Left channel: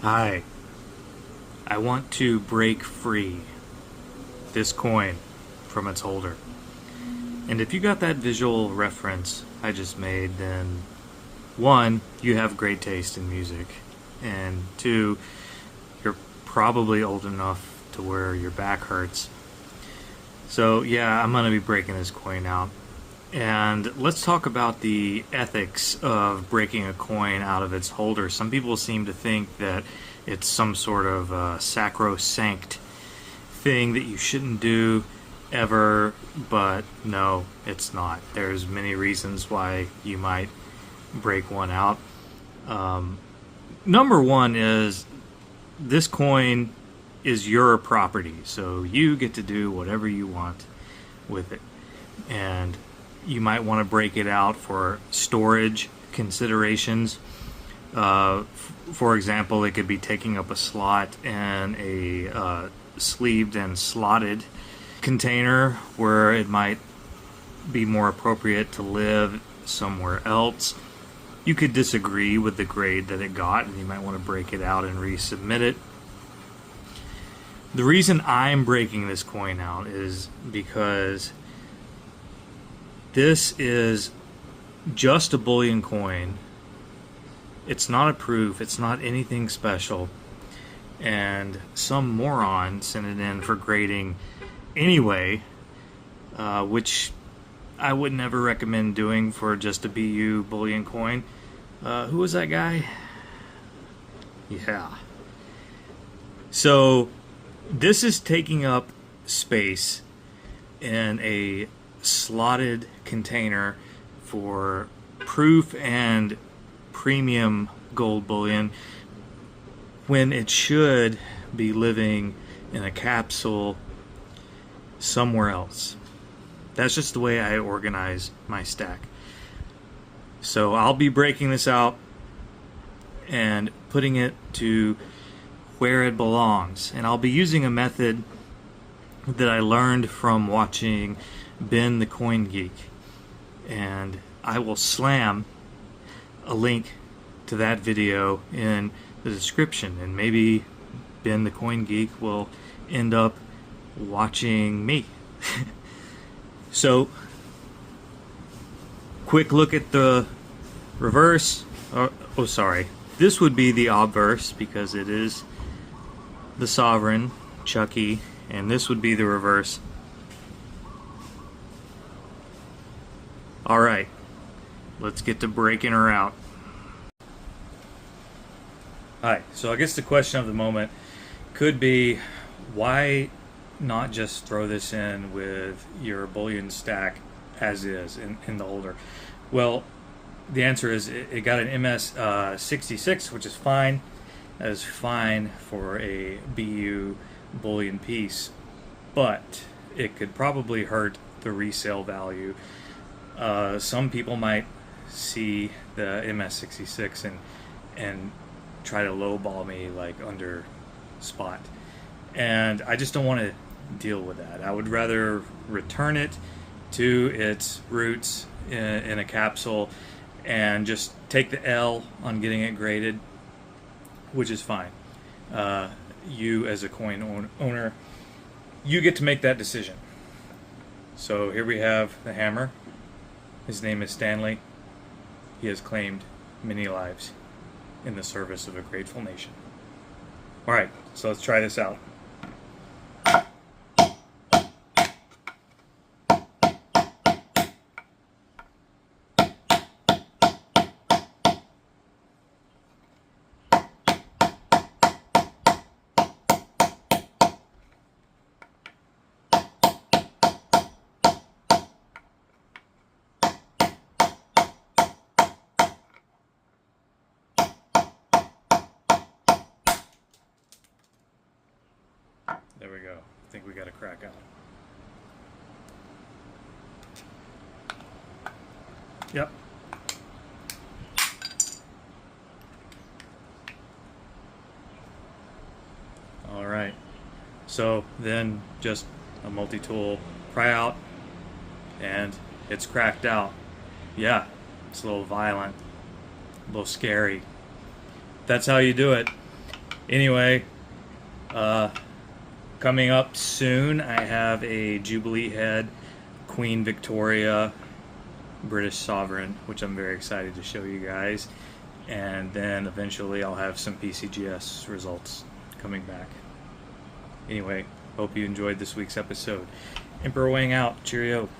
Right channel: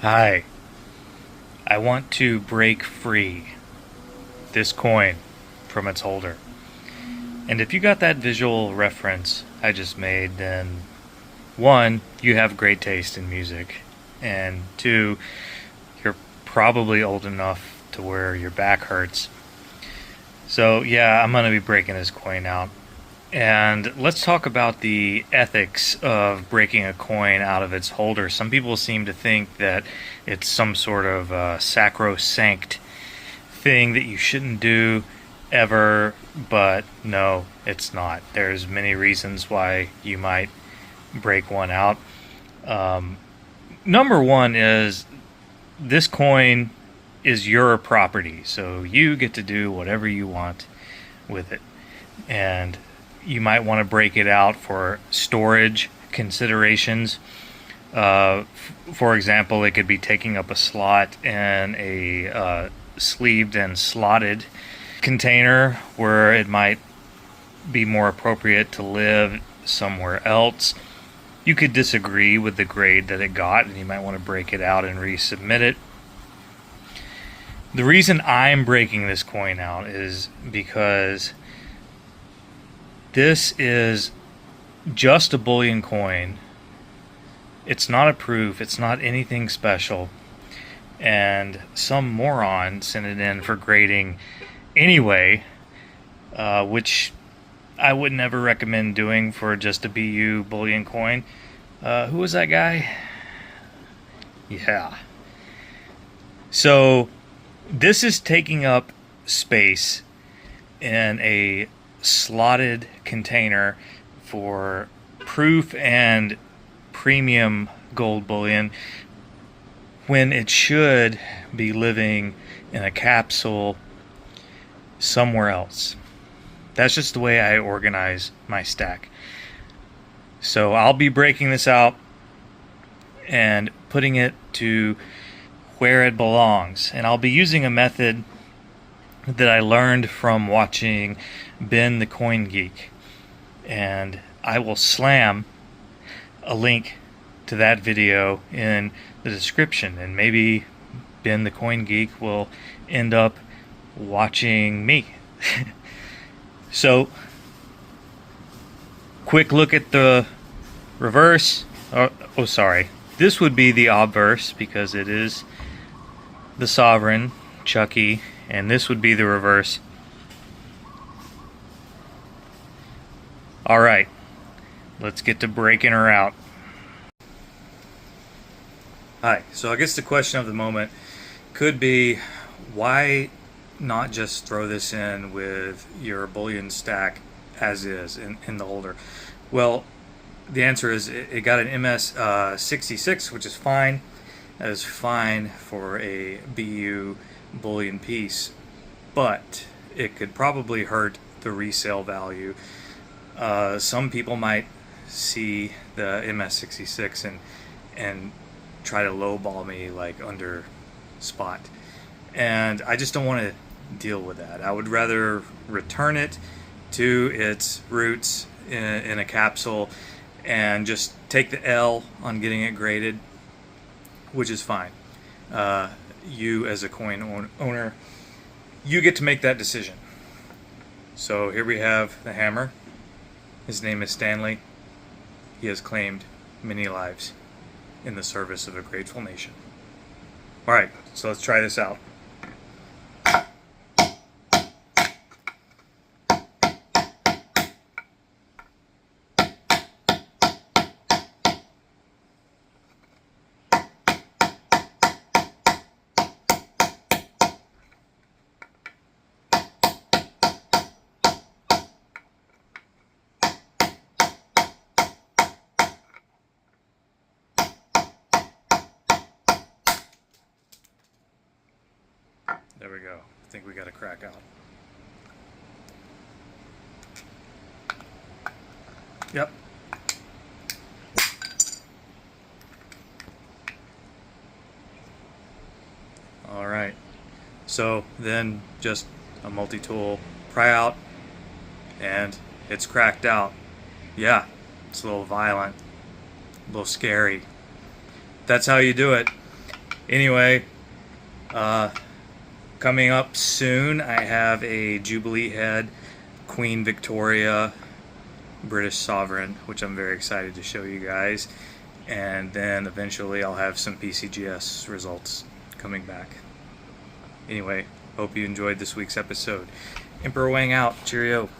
Hi, I want to break free this coin from its holder. And if you got that visual reference I just made, then one, you have great taste in music, and two, you're probably old enough to where your back hurts. So, yeah, I'm going to be breaking this coin out. And let's talk about the ethics of breaking a coin out of its holder. Some people seem to think that it's some sort of sacrosanct thing that you shouldn't do ever, but no, it's not. There's many reasons why you might break one out. Um, Number one is this coin is your property, so you get to do whatever you want with it. And you might want to break it out for storage considerations. For example, it could be taking up a slot in a sleeved and slotted container where it might be more appropriate to live somewhere else. You could disagree with the grade that it got, and you might want to break it out and resubmit it. The reason I'm breaking this coin out is because this is just a bullion coin. It's not a proof, it's not anything special. And some moron sent it in for grading anyway, which I would never recommend doing for just a BU bullion coin. Who was that guy? Yeah. So this is taking up space in a slotted container for proof and premium gold bullion when it should be living in a capsule somewhere else. That's just the way I organize my stack. So I'll be breaking this out and putting it to where it belongs. And I'll be using a method that I learned from watching Ben the Coin Geek. And I will slam a link to that video in the description. And maybe Ben the Coin Geek will end up watching me. So, quick look at the reverse. Oh, sorry. This would be the obverse because it is the sovereign, Chucky, and this would be the reverse. Alright, let's get to breaking her out. Alright, so I guess the question of the moment could be, why not just throw this in with your bullion stack as is in the holder? Well, the answer is it got an MS 66, which is fine. That is fine for a BU bullion piece, but it could probably hurt the resale value. Some people might see the MS66 and try to lowball me like under spot, and I just don't want to deal with that. I would rather return it to its roots in a capsule and just take the L on getting it graded, which is fine. You as a coin owner, you get to make that decision. So here we have the hammer. His name is Stanley. He has claimed many lives in the service of a grateful nation. Alright, so let's try this out. There we go. I think we got a crack out. Yep. Alright. So then just a multi-tool pry out and it's cracked out. Yeah, it's a little violent, a little scary. That's how you do it. Anyway, coming up soon, I have a Jubilee Head Queen Victoria British Sovereign, which I'm very excited to show you guys. And then eventually I'll have some PCGS results coming back. Anyway, hope you enjoyed this week's episode. Emperor Wang out. Cheerio.